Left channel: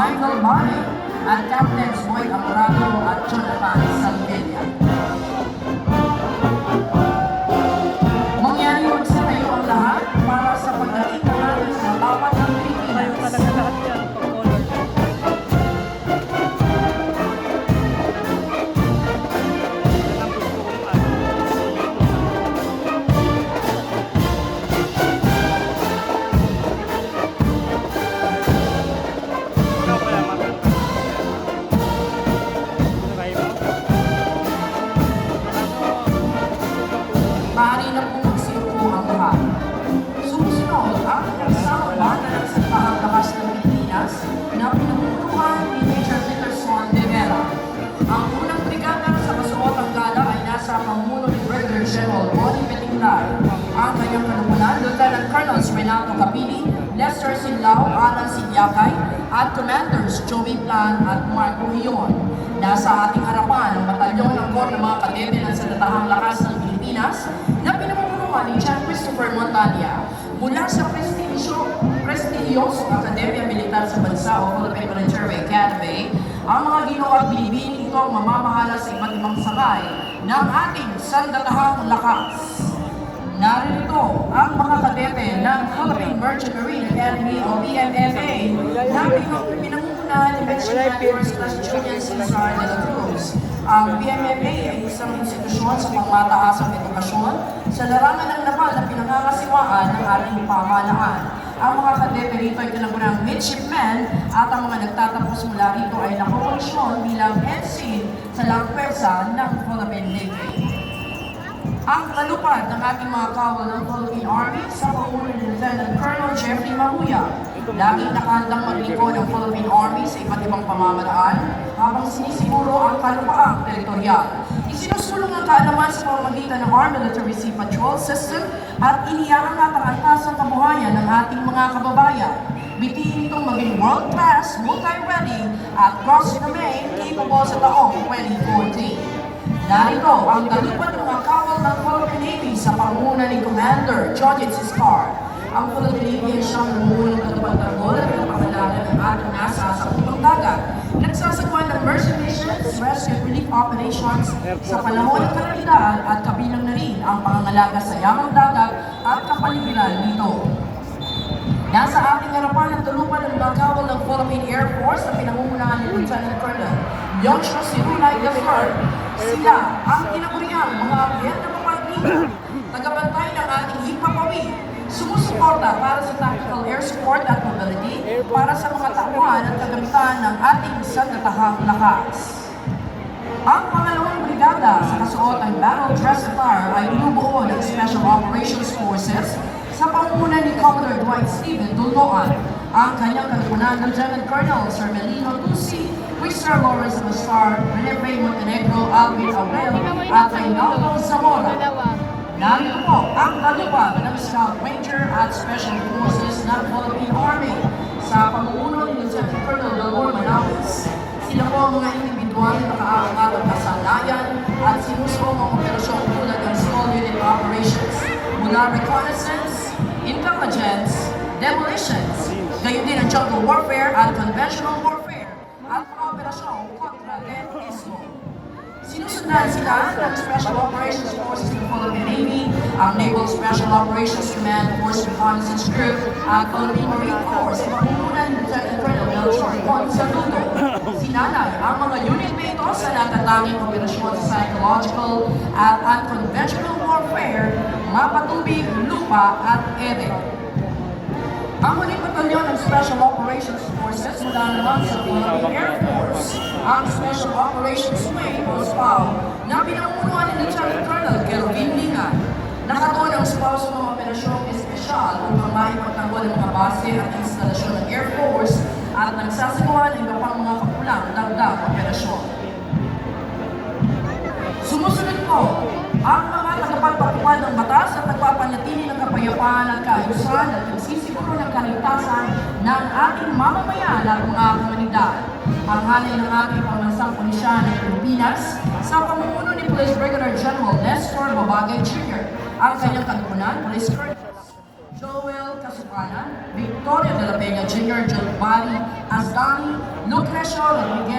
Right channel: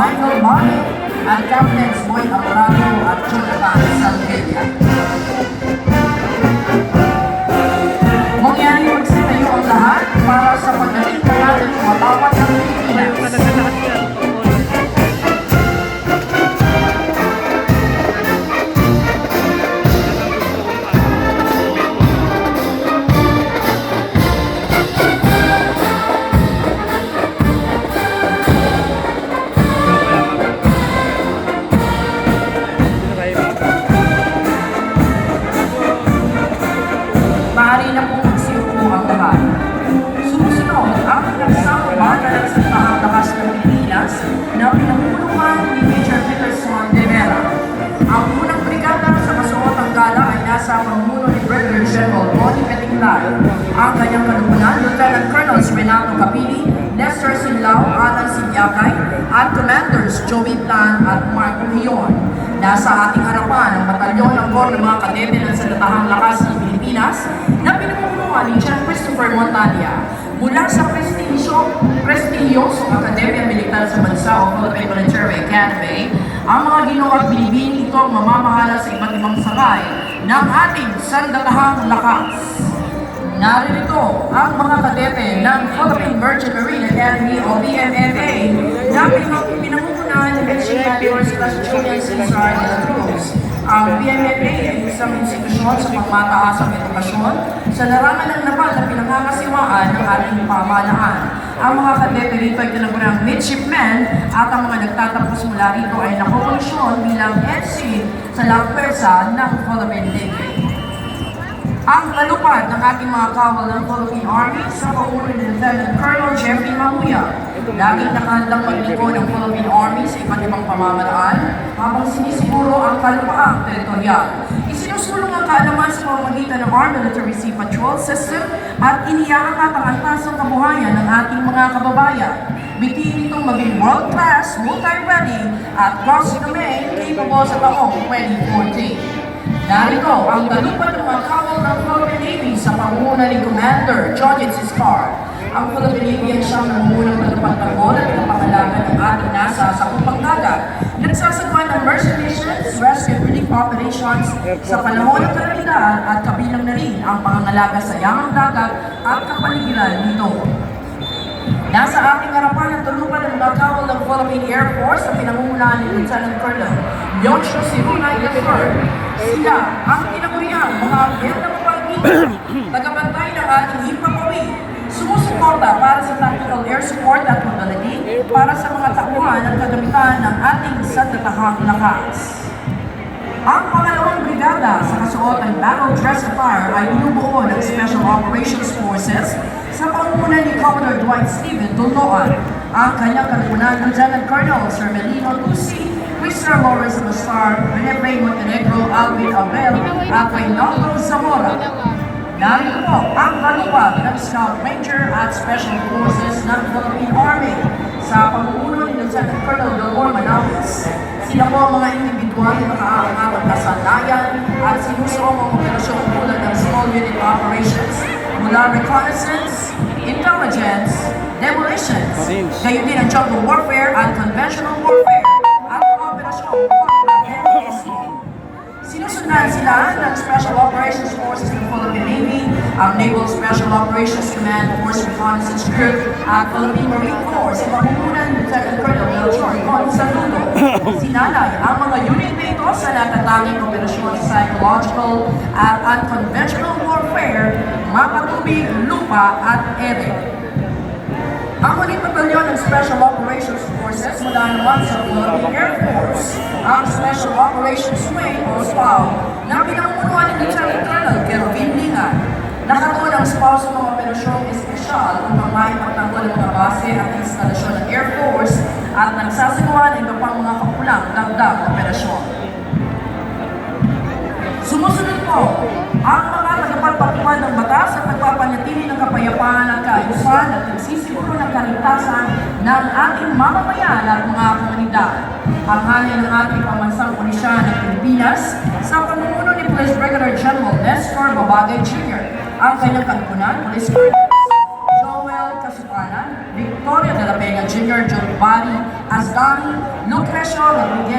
Michael Mari at Captains Boy Alvarado at Jonathan Salvelia. Mangyari magsitayo ang lahat para sa pagdating ng ating matawat ng Pilipinas. Tayo talaga lahat yan, pag-polo. Maaari na po magsiupo ang lahat. Sumusunod ang pinagsama banda ng Sandatahang Lakas ng Pilipinas na pinamumunuan ni Major Peterson de Vera. Ang unang brigada sa kasuotang gala ay nasa pamuno ni Brigadier General Bonnie Petinglar. Ang kanyang kalumunan, Lieutenant Colonel Renato Capili, Lester Sinlao, Alan Sinyakay, at Commanders Joey Plan at Mark Rion. Nasa ating harapan ang batalyon ng Corps ng mga kadete ng Sandatahang Lakas ng Pilipinas na pinamumunuan ni John Christopher Montalia. Mula sa prestigyosong Akademya Militar sa Bansa o Philippine Military Academy, ang mga ginoong bilibin ito ang mamamahala sa iba't ibang sakay ng ating Sandatahang Lakas. Naririto ang mga kadete ng Philippine Merchant Marine Academy o PMMA na pinangungunahan ni Julian Cesar de la Cruz. Ang PMMA ay isang institusyon sa pangmataasang edukasyon sa larangan ng naval na pinangangasiwaan ng ating pamahalaan. Ang mga kadete rito ay tinagurang midshipmen at ang mga nagtatapos mula rito ay nakokolusyon bilang ensign sa langpersa ng Philippine Navy. Ang kalupad ng ating mga kawal ng Philippine Army sa paulo ni Lieutenant Colonel Jeffrey Mamuya. Laging nakahandang maglingkod ng Philippine Army sa iba't ibang pamamaraan habang sinisiguro ang kalupaang teritorial. Isinusulong ang kaalaman sa pamamagitan ng Armed Military Sea Patrol System at iniyaangat ang antas ng kabuhayan ng ating mga kababayan. Bitiin itong maging world-class, multi-ready at cross-domain capable sa taong 2014. Narito ang talupad ng mga kawal ng Philippine Navy sa pangunguna ni Commander John Cispar. Ang Philippine Navy ay siyang namunang nagpagtanggol at napakalaman ng ating nasa sa pagdagat. Nagsasagawa ng mercy missions, rescue and relief operations sa panahon ng kalamidad at kabilang na rin ang pangangalaga sa yamang dagat at kapaligiran nito. Nasa ating harapan ang tulupan ng mga kawal ng Philippine Air Force na pinangungunahan ni Lieutenant Colonel Leoncio Sibunay III. Sila ang tinaguriang mga abyat na mapag-ibig, tagabantay ng ating himpapawid, sumusuporta para sa tactical air support at mobility para sa mga takbuhan at kagamitan ng ating Sandatahang Lakas. Ang pangalawang brigada sa kasuotan battle dress attire ay binubuo ng Special Operations Forces sa pangunguna ni Commodore Dwight Stephen Tuluan. Ang kanyang kalpunan, Lieutenant Colonel Sir Melino Tusi, Mr. Lawrence Bastar, Benepe Montenegro, Alvin Aurel, at Reynaldo Zamora. Narito po ang kalupad ng Scout Ranger at Special Forces ng Philippine Army sa pamumuno ni Lieutenant Colonel Delmore Manawis. Sila po ang mga individual na nakaangat ng kasanayan at sinusuong ang operasyong tulad ng Small Unit Operations mula reconnaissance, intelligence, demolitions, gayon din ang jungle warfare at conventional warfare at ang operasyong NSO. Sinusundan sila ng Special Operations Forces ng Philippine Navy, ang Naval Special Operations Command Force Reconnaissance Group at Philippine Marine Corps sa pamumunan ng Lieutenant Colonel Melchor Gonzalo. Sinalay ang mga unit nito sa natatanging operasyon sa psychological at unconventional warfare, mapatubig, lupa at ere. Ang huling batalyon ng Special Operations Forces mula naman sa Philippine Air Force, ang Special Operations Wing o SPAW na pinamumunuan ni Lieutenant Colonel Kelvin Lingan. Nakatuon ang SPAW sa mga operasyong espesyal upang maipagtanggol ang mga base at instalasyon ng Air Force at nagsasagawa ng iba pang mga kapulang dagdag operasyon. Sumusunod po ang mga tagapagpatuan ng batas at nagpapanatili ng kapayapaan at kaayusan at nagsisiguro ng kaligtasan ng ating mamamayan at mga komunidad. Ang halay ng ating pambansang pulisya ng Pilipinas sa pamumuno ni Police Brigadier General Nestor Babagay Jr. Ang kanyang kalpunan, Police Colonel Joel Kasipanan, Victoria de la Vega Jr., John Barry Masdan, Lucrecio Rodriguez.